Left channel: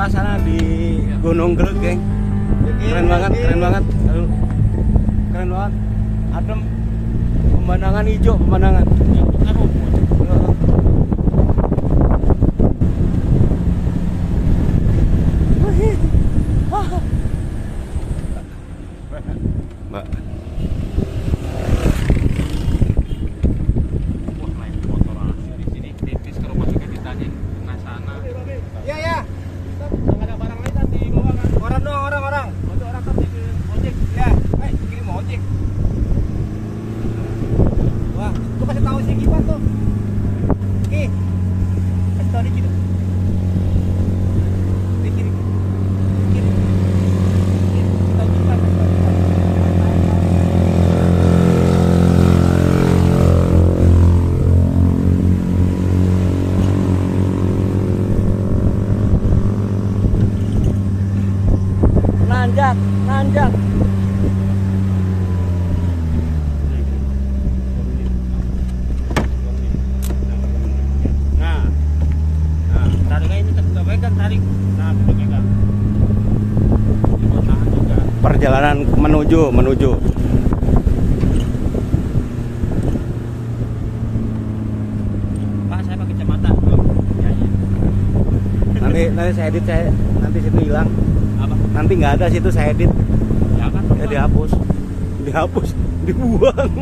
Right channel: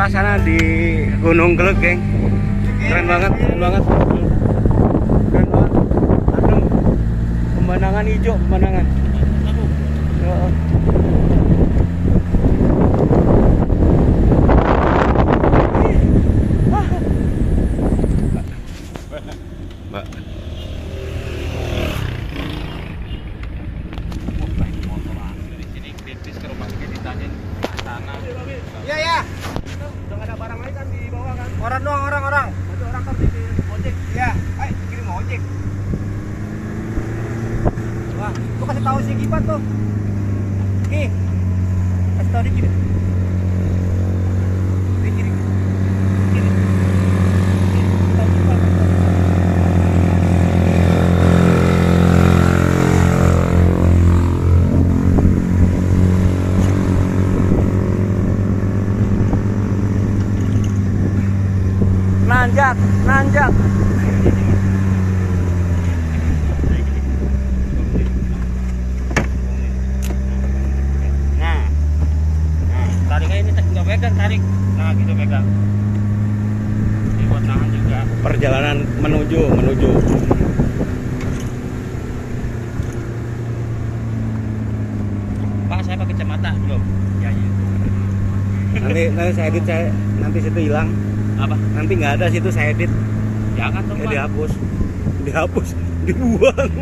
suasana di Gunung Gelut, geng. Keren banget, keren banget. Keren banget. Adem. Pemandangan hijau, pemandangan. Mbak. Iya ya. Enggak ada barang lain kan di bawah kan. Orang doang, orang. Itu orang kan di ojek. Iya, ayo dikirim ojek. Wah, tuh kasih tahu si Iban tuh. Nih. Kasih tahu dikit. Dikit. Nanjak. Nah, tarik aja ini nggak pegang, tarik. Nah, gitu pegang. Ini buat tangan juga. Perjalanan menuju. Pak, saya pakai kacamata dong. Ya. Nanti saya edit, nanti situ hilang. Apa? Nanti nggak ada situ, saya edit. Jangan Ya dihapus, dibuang.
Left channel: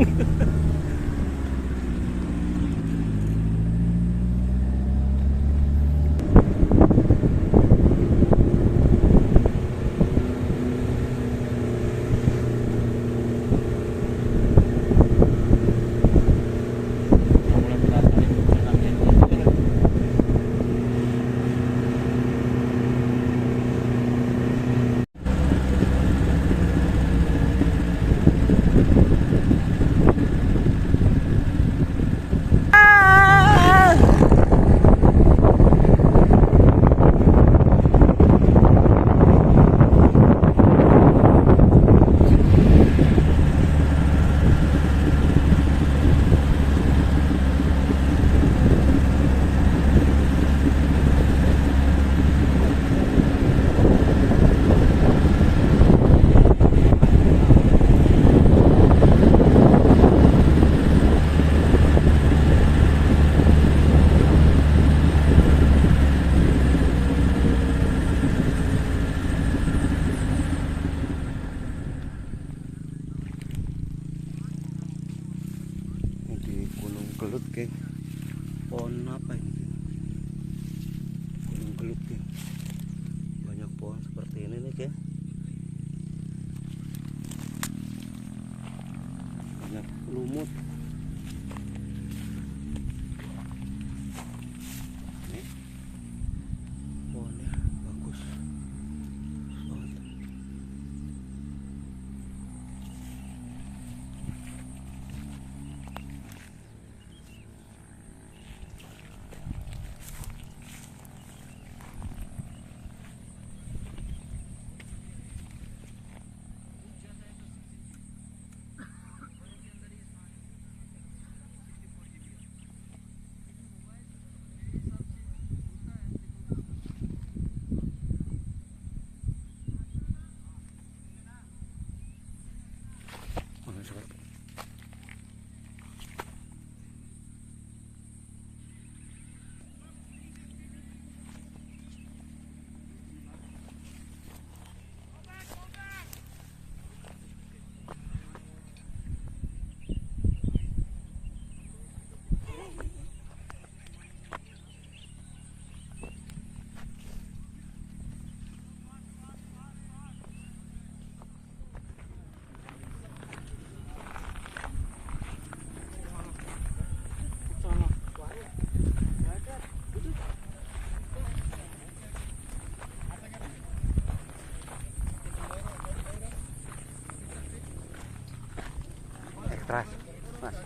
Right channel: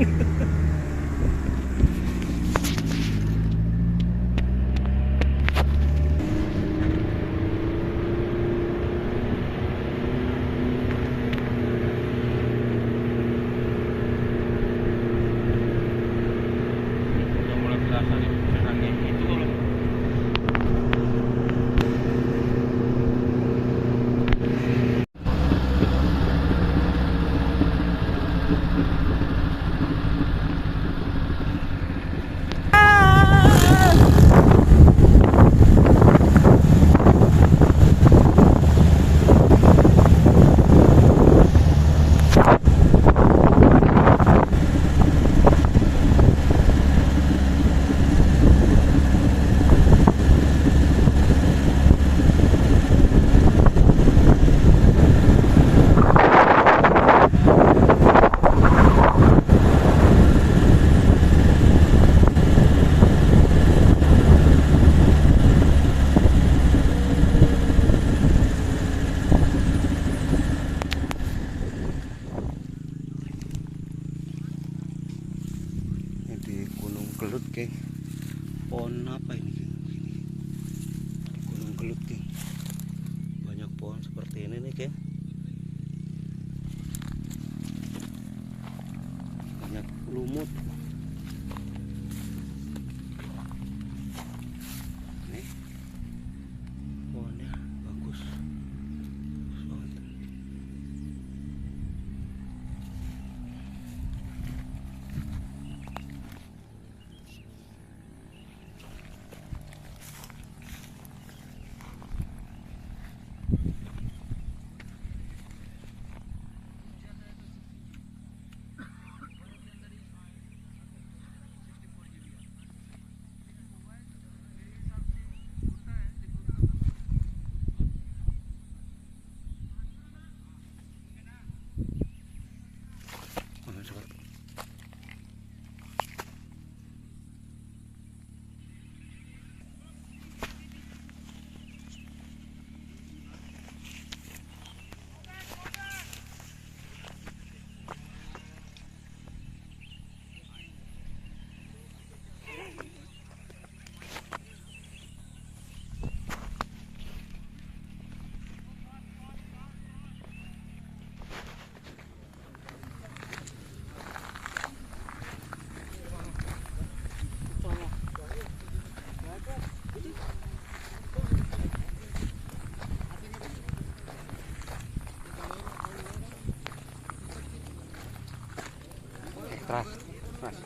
Di Gunung Gelut, geng. Pohon apa ini, geng? Di Gunung Gelut, geng. Banyak pohon seperti ini nih, geng. Banyak lumut. Nih. Pohonnya bagus. Bagus banget. Keras, mas.